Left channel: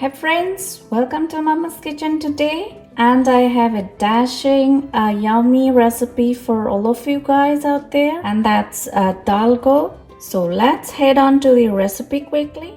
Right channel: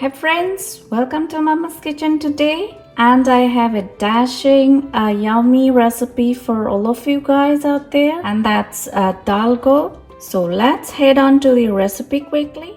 Hi friends, welcome to Mama's Kitchen today, and I have a dashing yummy recipe for all of you guys out there, and that's dal goat. So let's head on to the recipe quickly.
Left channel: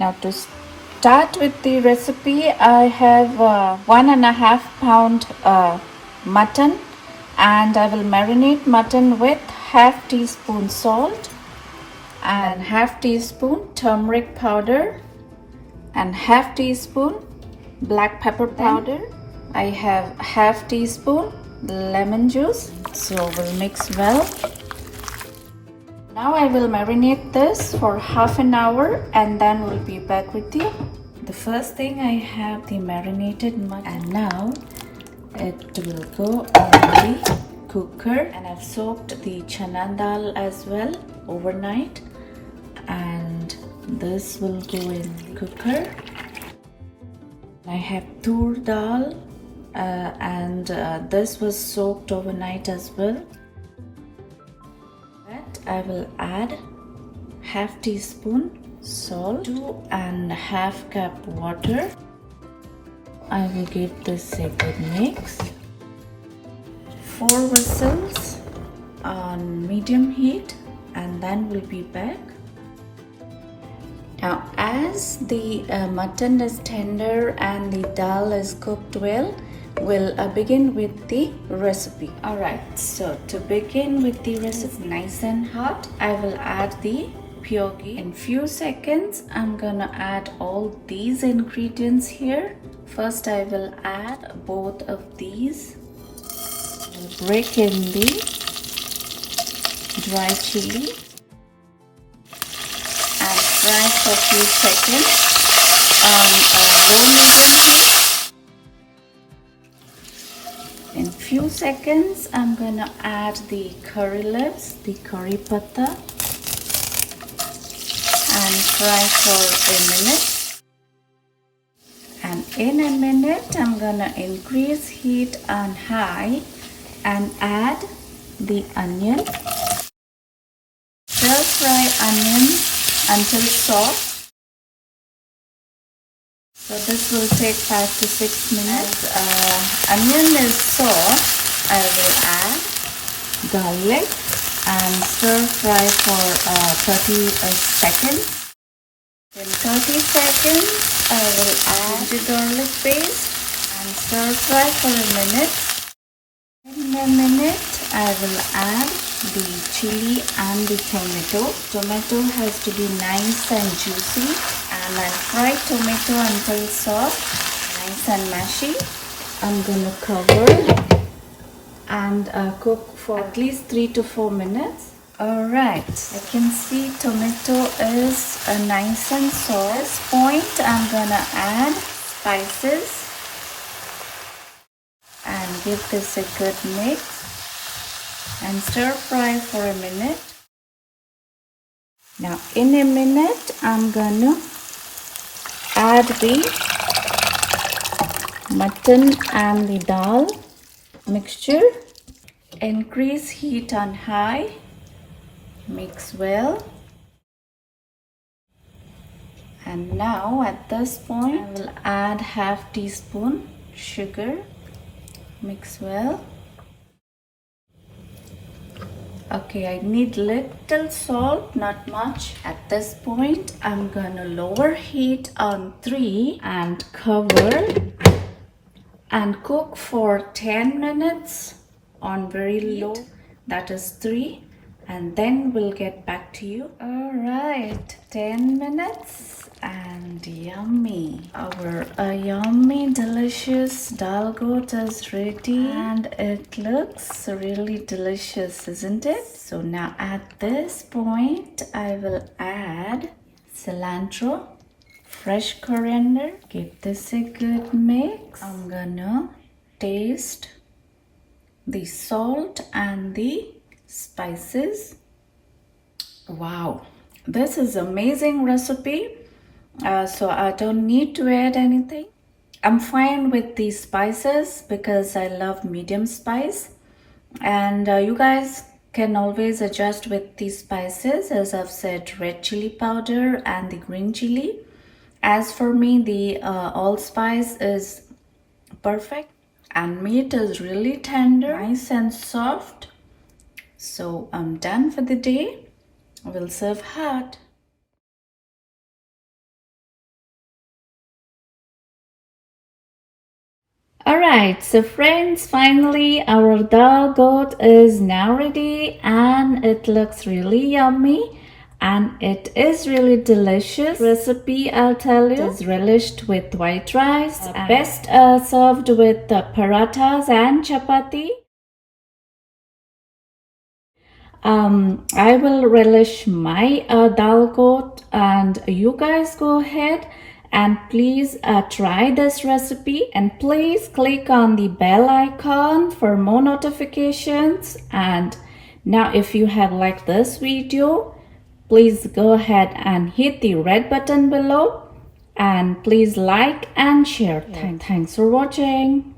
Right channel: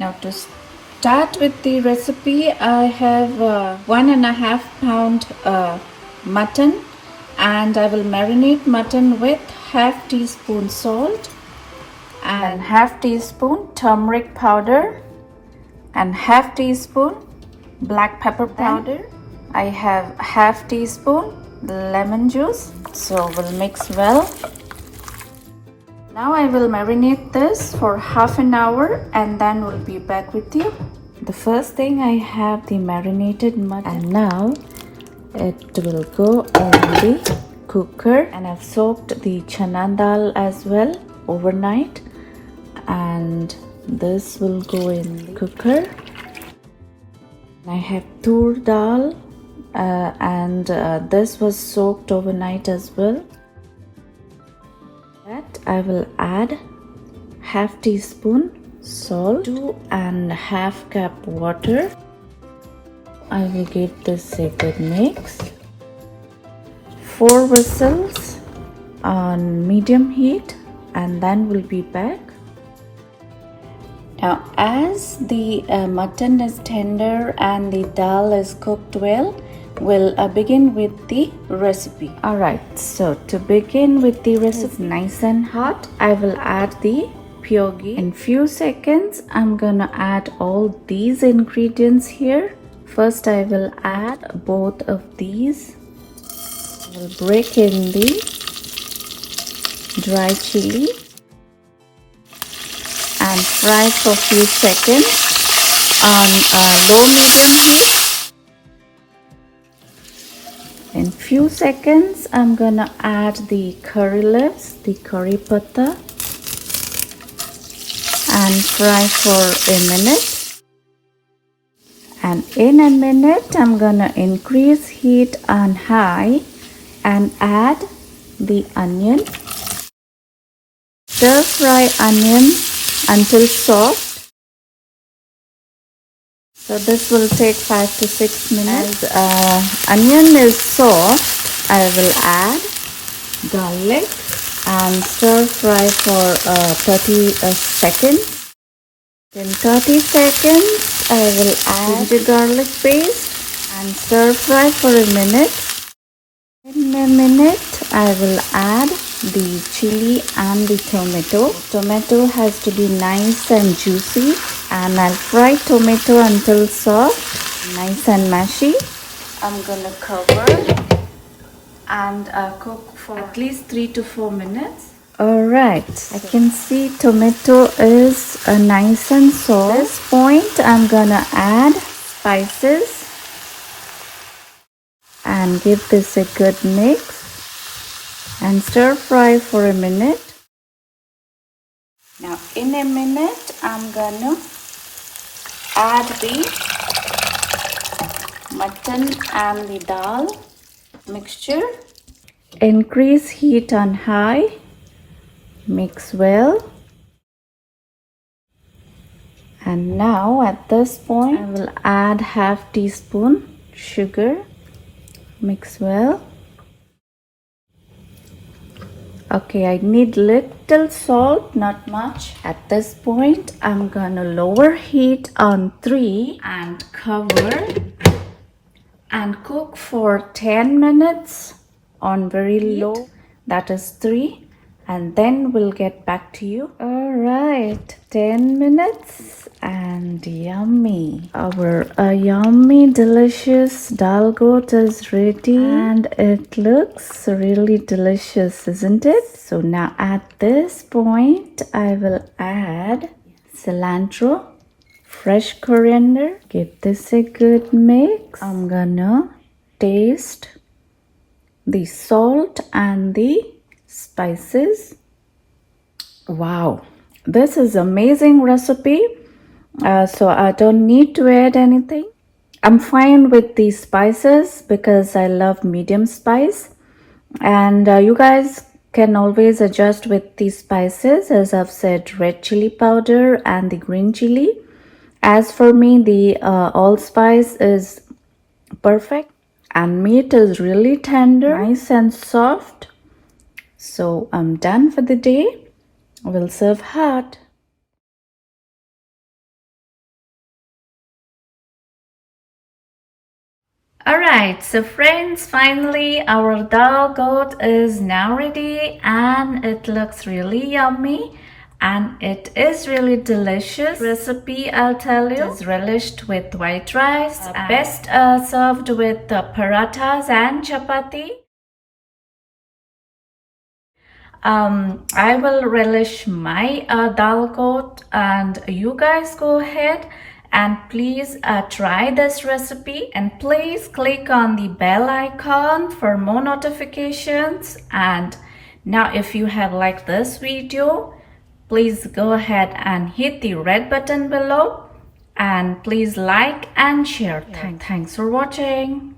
Now to start with the recipe, I have 1.5 pound mutton, and I will marinate mutton with half teaspoon salt and half teaspoon turmeric powder and half teaspoon black pepper powder. I have half teaspoon lemon juice, so we'll mix well. Now I will marinate this for half an hour and then we'll be back with you. The first thing, I have the marinated mutton, and now it will go in the cooker, and I've soaked the chana dal as well overnight, and this will go in the cooker. I have tur dal and this was soaked overnight as well. I will add half teaspoon salt, 2.5 cup water. I will give this a good mix. 4 whistles on medium heat, and then we'll be back. Now as the mutton is tender and the dal is cooked well, we'll begin with the recipe. Alright, so to begin with the recipe, nice and hot, I will add the pure ghee. In few seconds, I'm gonna add all these ingredients here. First, I will add both of these. I'll break in the dry chili and fry for a few seconds on low-medium heat. In few seconds, I'm gonna add the curry leaves, the curry patta, and fry for a minute. And in a minute, I'm gonna increase heat on high and add the onion. Stir fry onion until soft. So this will take 5 to 6 minutes. Onion is soft, I will add garlic and stir fry for 30 seconds. In 30 seconds, I will add the garlic paste and stir fry for a minute. In a minute, I will add the chili and the tomato. Tomato has to be nice and juicy, and I'll fry tomato until soft, nice and mashy. I'm gonna cover and cook for at least 3 to 4 minutes. Alright, I can see tomato is nice and soft. At this point, I'm gonna add spices and give this a good mix and stir fry for a minute. Now in a minute, I'm gonna add the mutton and the dal mixture. Increase heat on high, mix well. And now at this point, I will add half teaspoon sugar, mix well. Okay, I need little salt, not much. At this point, I'm gonna lower heat on 3 and cover and cook for 10 minutes on very low. That is 3. and then we'll get back to you. All right, 10 minutes and yummy. Our yummy delicious dal goat is ready and it looks really delicious, isn't it? So now at this point I will add cilantro, fresh coriander. Give this a good mix. I'm gonna taste the salt and the spices. Wow, this is amazing recipe. So I don't need to add anything. I'm fine with the spices because I love medium spice, and you guys can always adjust with the spices. As I've said, red chili powder and the green chili. As for me, the allspice is perfect, and meat is really tender, nice and soft. So I'm done for the day. We'll serve hot. Alright, so friends, finally our dal goat is now ready and it looks really yummy and it is really delicious recipe. I'll tell you, it is relished with white rice, best served with parathas and chapati. I will relish my dal goat, and you guys go ahead and please try this recipe, and please click on the bell icon for more notifications. And now if you have liked this video, please go ahead and hit the red button below and please like and share. Thanks for watching.